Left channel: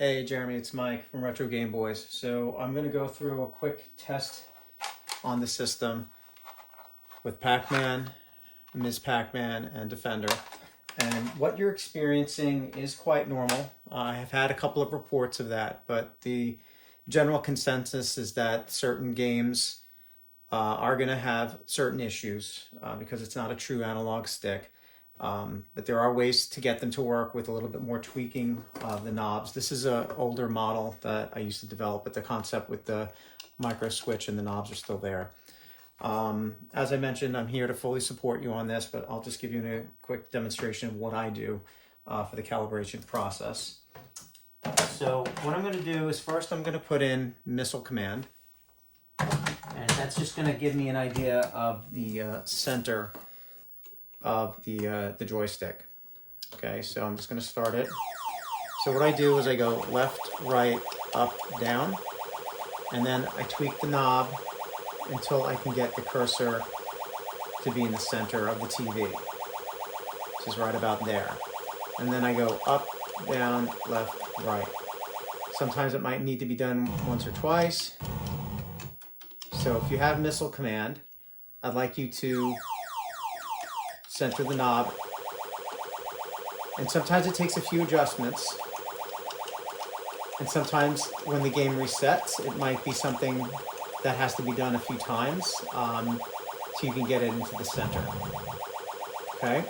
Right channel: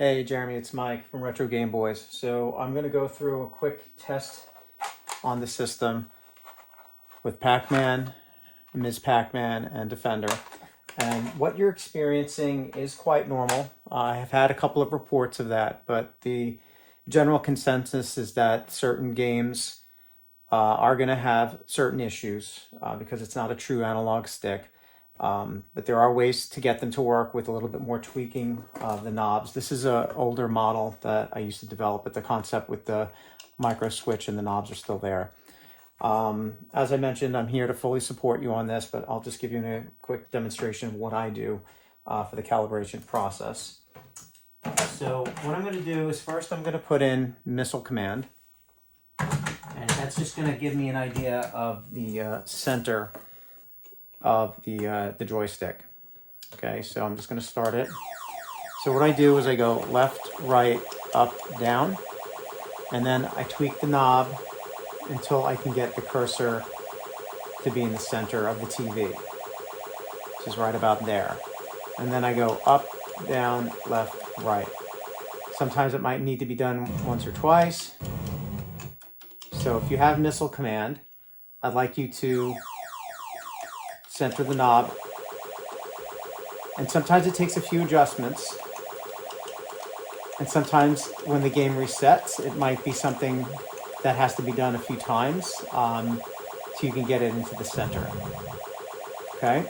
Hey Jeremy, it's Mike from RetroGameBoyz. So I'm going to go through a quick test on the system with Pac-Man, Ms. Pac-Man, and Defender. And what you're experiencing is quite normal. I have had a couple of reports of that, but the general consensus is that certain games are going to have certain issues because it's not a true analog stick. But there are ways to get them to work with a little bit more tweaking of the knobs. This is an older model that I used to develop, but the concept with the micro switch and the knobs are still there. As I mentioned, I'm here to fully support you on this, but I'll just give you a quick demonstration of what I do for the calibration process. So what I'm going to do is first I'm going to put in missile command, and that's just going to give me an idea of the center of the joystick. Okay, so I'm just going to start it. So what I do is I go left, right, up, down, and then I tweak the knob until I can get the cursor to be in the center of the TV, which is right about there. And then I go up, down, left, right. Sometimes it might need to be done once or twice. So if you have missile command, I'd like you to center the knob, and sometimes it takes a few adjustments, and sometimes when the game resets it might be something that has to be done a few times so you can get it into the center. Okay,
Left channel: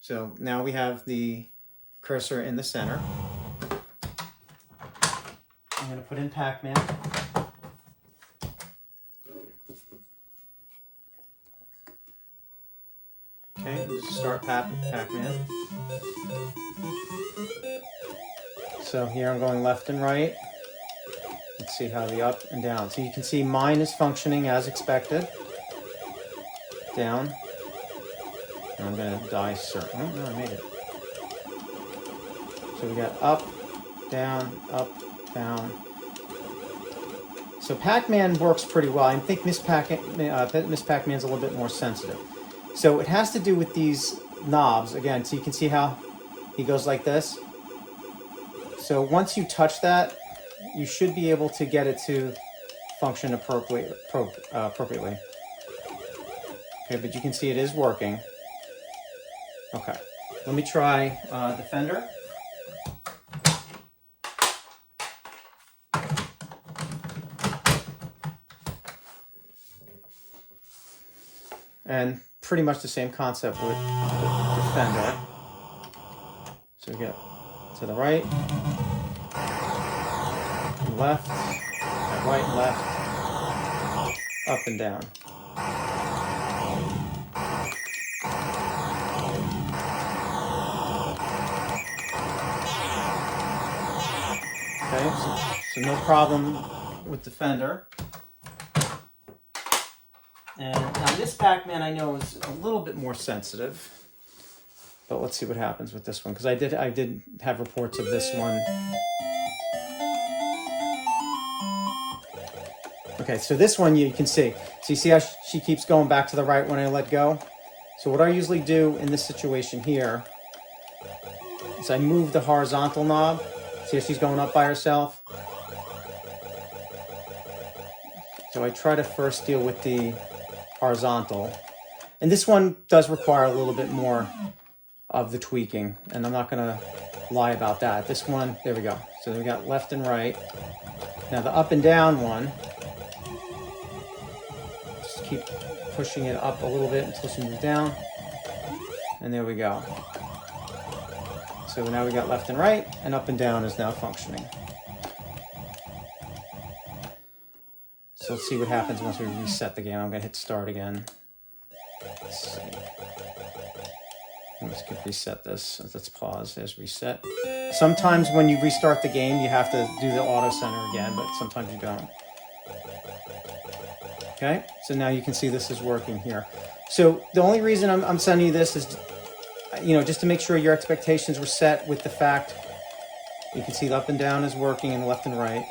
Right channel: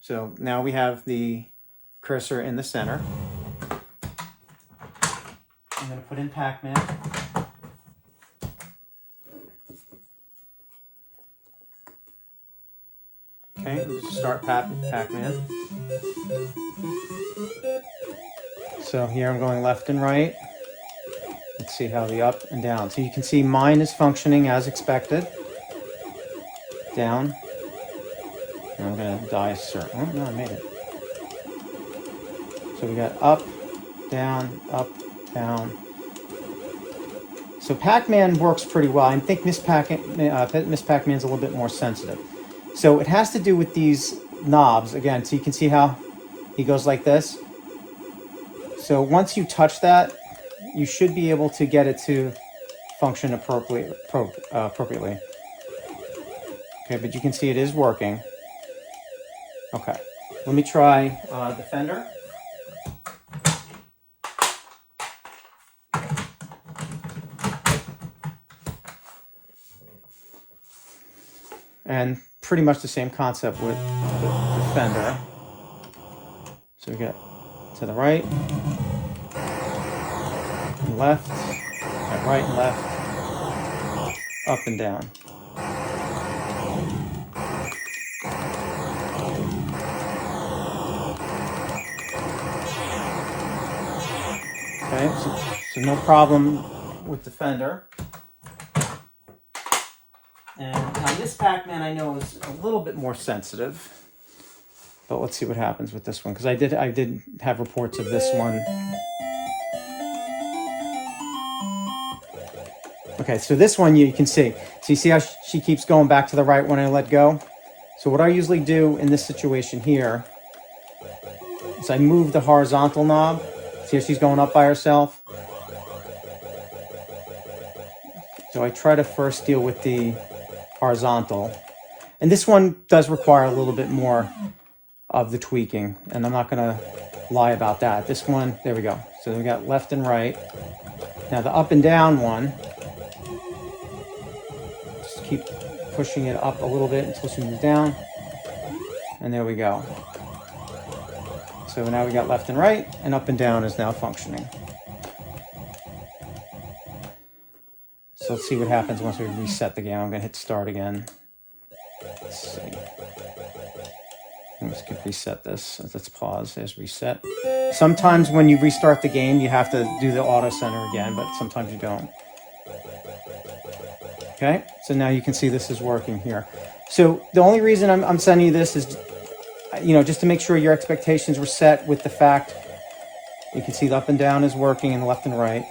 so now we have the cursor in the center. I'm going to put in Pac-Man. Okay, let's start Pac-Man. So here I'm going left and right. Let's see how the up and down. So you can see mine is functioning as expected. Down. And I'm going to die circle. Oh, no, I made it. So we got up, down, down. So Pac-Man works pretty well. I think Miss Pac-Man's a little bit more sensitive. So it has to do with these knobs. Again, so you can see how he goes like this. So once you touch that, you should be able to get it to function appropriately. Okay, but you can see it is working. Okay, let me try Defender. And pretty much the same concept with Defender. So we get to the right, left, right, left, up and down. Okay, so no problem with Defender. And now this Pac-Man I know is a little bit more sensitive, but let's see what happens with this one, because I did have reports of this one. Okay, so this one you can see. So you see how she keeps going back to the right when I let go? So what I usually do in this situation here is I move the horizontal knob. See how she's going up by herself? So I try to first deal with the horizontal, and this one does require a little bit more of the tweaking, and I'm not going to lie about that. This one, there we go. So we got left and right. Now the up and down one, just keep pushing it up a little bit until she moves down, and there we go. So now we got left and right, and up and down is now functioning. So let's see what happens once we reset the game. I'm going to hit start again. Let's see. Let's reset this. Let's pause. There's reset. Sometimes when you restart the game, you have to do the auto center again, but sometimes you don't. Okay, so now you can see this is working here. So the only reason I'm sending you this is, just to make sure your expectations were set with the fact you can see the up and down is working and left and right.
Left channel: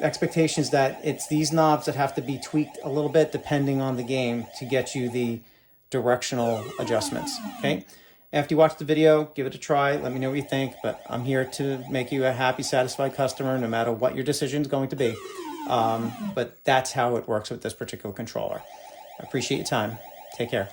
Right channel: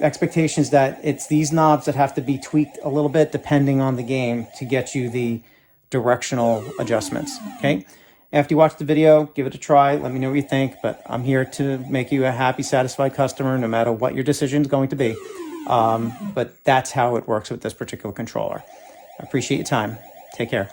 Expectations that it's these knobs that have to be tweaked a little bit depending on the game to get you the directional adjustments. Okay, After you watch the video, give it a try. Let me know what you think. But I'm here to make you a happy, satisfied customer, no matter what your decision is going to be. But that's how it works with this particular controller. I appreciate your time. Take care.